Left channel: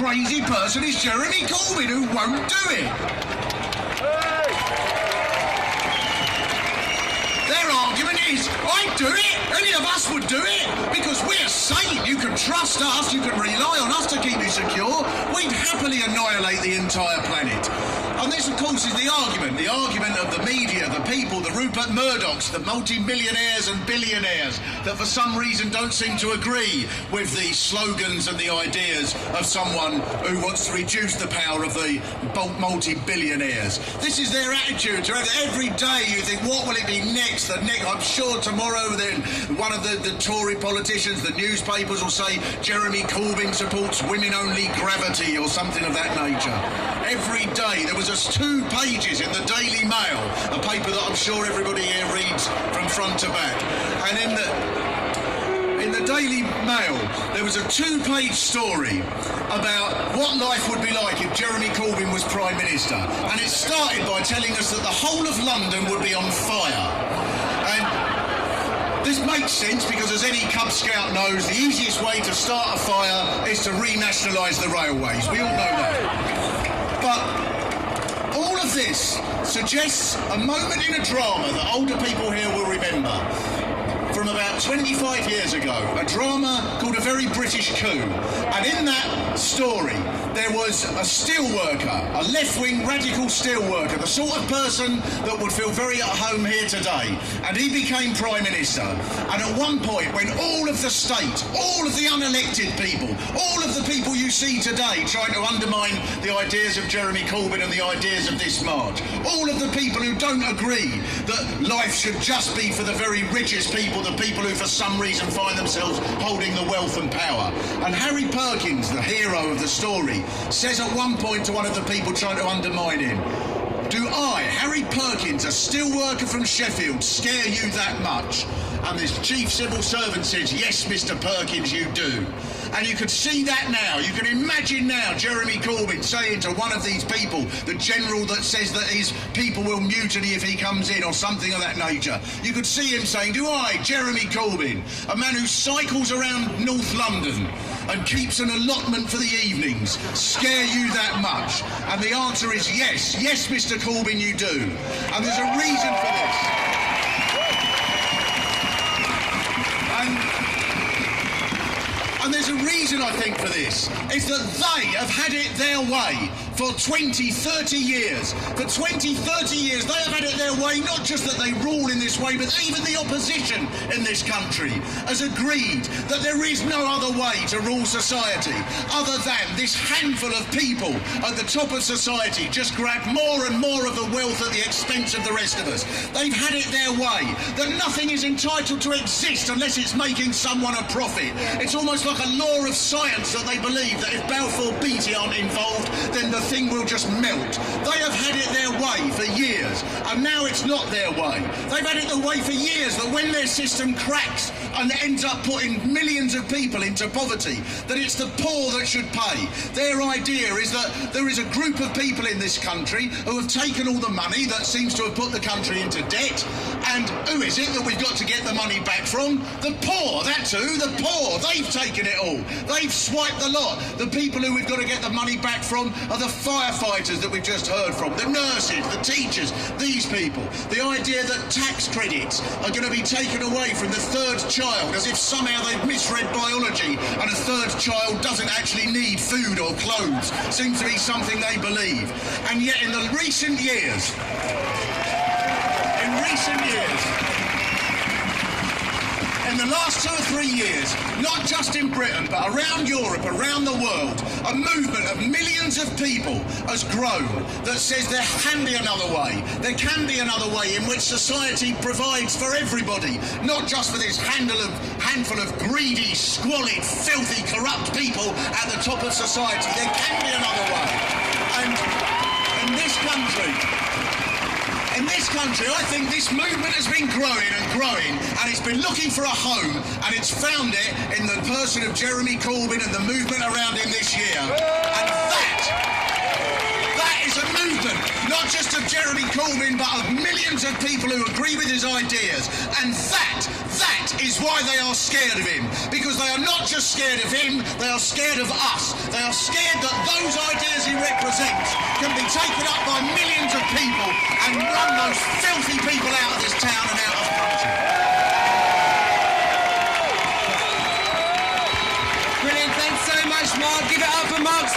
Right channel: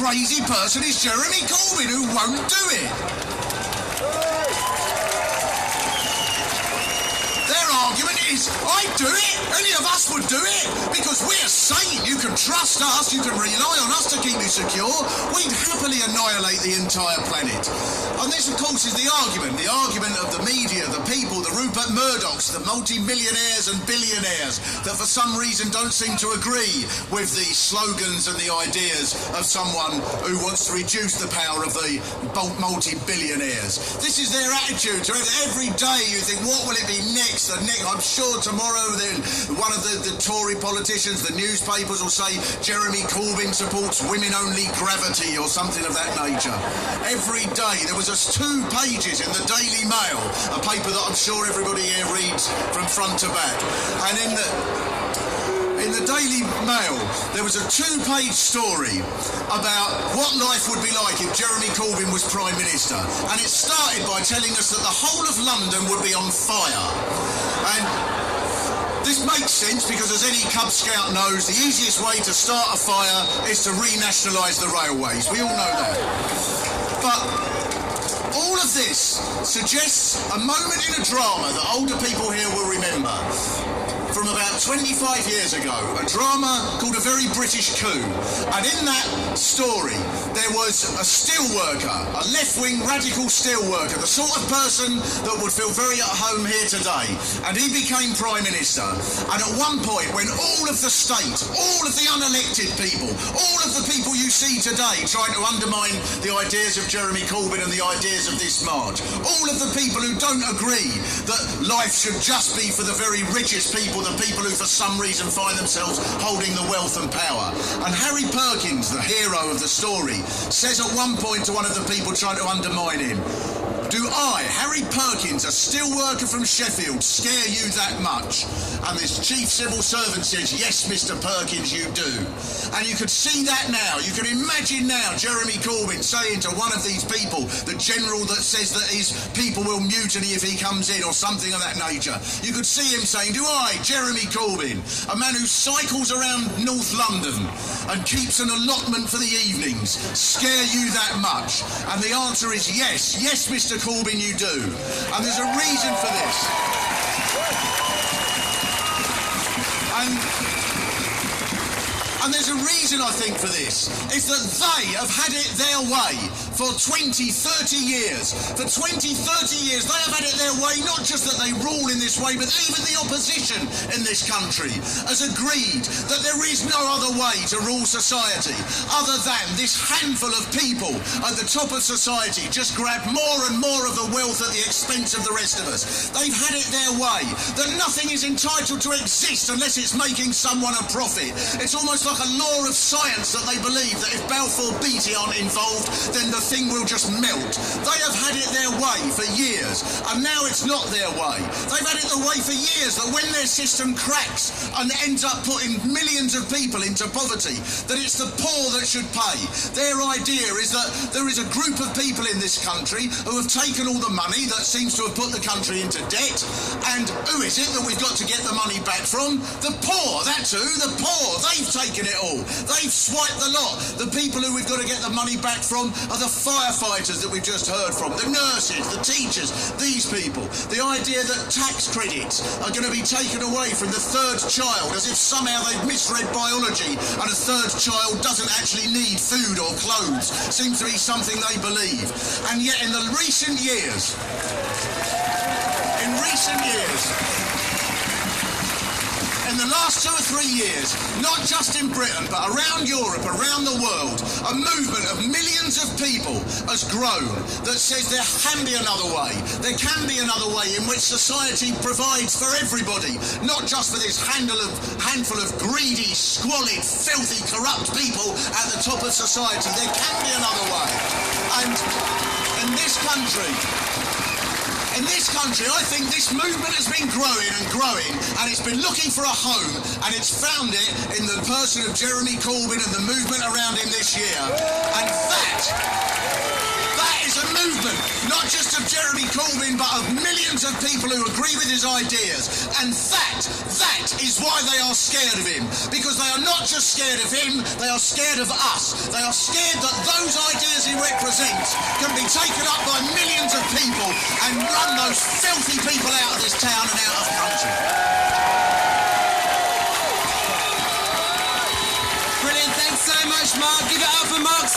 crazy person is Jeremy Corbyn, who won't do it. Their argument is, I'd do it, any of us would do it, because we're sane, you can trust us, you can rely on us to keep you secure, we'd happily annihilate the entire planet. And this, of course, is the argument of the media, the people, the Rupert Murdochs, the multi-millionaires and billionaires that for some reason don't seem to agree with the slogans and the ideas of someone who wants to reduce the power of the multi-billionaires. This is their attitude. Every day you think, what will it be next? I'm sure tomorrow then one of the Tory politicians, the newspapers will say Jeremy Corbyn supports women-only gravity or something of that nature. Every day there was just 2 pages in the Daily Mail, a paper that I'm sure everybody here reads from front to back. And in the Daily Mail, there was a 2-page story about what life would be like if Jeremy Corbyn was Prime Minister. And it started by telling us that the whole of London would be on fire. And this makes sense because, as any Cub Scout knows, the easiest way to start a fire is to renationalise the railways. We all know that. But all of this suggests a moment in a drama that older people here will remember. From about 25 years ago, a drama called A Very British Coup. And in that story, there was a steelworker, a left-wing radical steelworker, the sort of person that would feel very at home here today. And he became Prime Minister. And at one point, when all of the state, all of the unelected people, all of the people you see today trying to undermine the ideas of Jeremy Corbyn and the ideas of this march, all of the people who don't agree that life should just be for the very richest people, the people who for some reason find themselves holding the wealth and power. And Harry Perkins, the hero of the story, says at one point to one of the people trying to undermine him, "Do I, Harry Perkins, a steelworker from Sheffield, scare you that much?" And this chief civil servant says, "Yes, Mr. Perkins, you do." And you could see that now. You can imagine now Jeremy Corbyn saying to one of these people, the general that says that his people will mutiny if he comes in or something of that nature. You could see him saying, "Do I, Jeremy Corbyn, a man who cycles around North London and keeps an allotment for the evenings, scare you that much?" And the answer is yes. Yes, Mr. Corbyn, you do. And there's a reason for this. And there's a reason, I think, for this. It's that they have had it their way for 20, 30 years. For 20, 30 years, they have had it their way, not just that they rule in this way, but even the opposition in this country has agreed that there is no other way to rule society other than this handful of people at the top of society just grab more and more of the wealth at the expense of the rest of us. They've had it their way, that nothing is entitled to exist unless it's making someone a profit. It's almost like a law of science that they believe that if Balfour Beatty aren't involved, then the thing will just melt. They have had it their way for years, and now it's not their way. They've had it the way for years that when their system cracks and ends up putting millions of people into poverty, that it's the poor that should pay. Their idea is that there is a group of people in this country who have taken all the money that seems to have put the country into debt, and who is it that we've got to get the money back from? The poor, that's who, the poor. They've taken it all. They've swiped the lot. The people who we've got to get the money back from are the firefighters that we've just heard from, the nurses, the teachers, these people. The idea that tax credits are going to be taken away from the third child as if somehow they've misread biology and a third child doesn't actually need food or clothes seems to be something they believe. And yet in the recent years, in the last 2 or 3 years, not just in Britain, but around Europe, around the world, a movement of millions of people has grown that says there can be another way. There can be another way in which society provides for everybody, not just for this handful of greedy, squalid, filthy, corrupt people at the top of society. There can be another way. And in this country, I think this movement has been growing and growing, and it's been looking for a home, and it's found it in the person of Jeremy Corbyn and the movement around him this year. And that is a movement, not just of Jeremy Corbyn, but of millions of people who agree with his ideas. And that is why they are scared of him. Because they are not just scared of him, they are scared of us. They are scared that those ideas he represents can be taken up by millions of people and run those filthy people out of this town and out of the country. Brilliant, thanks so much, Mark.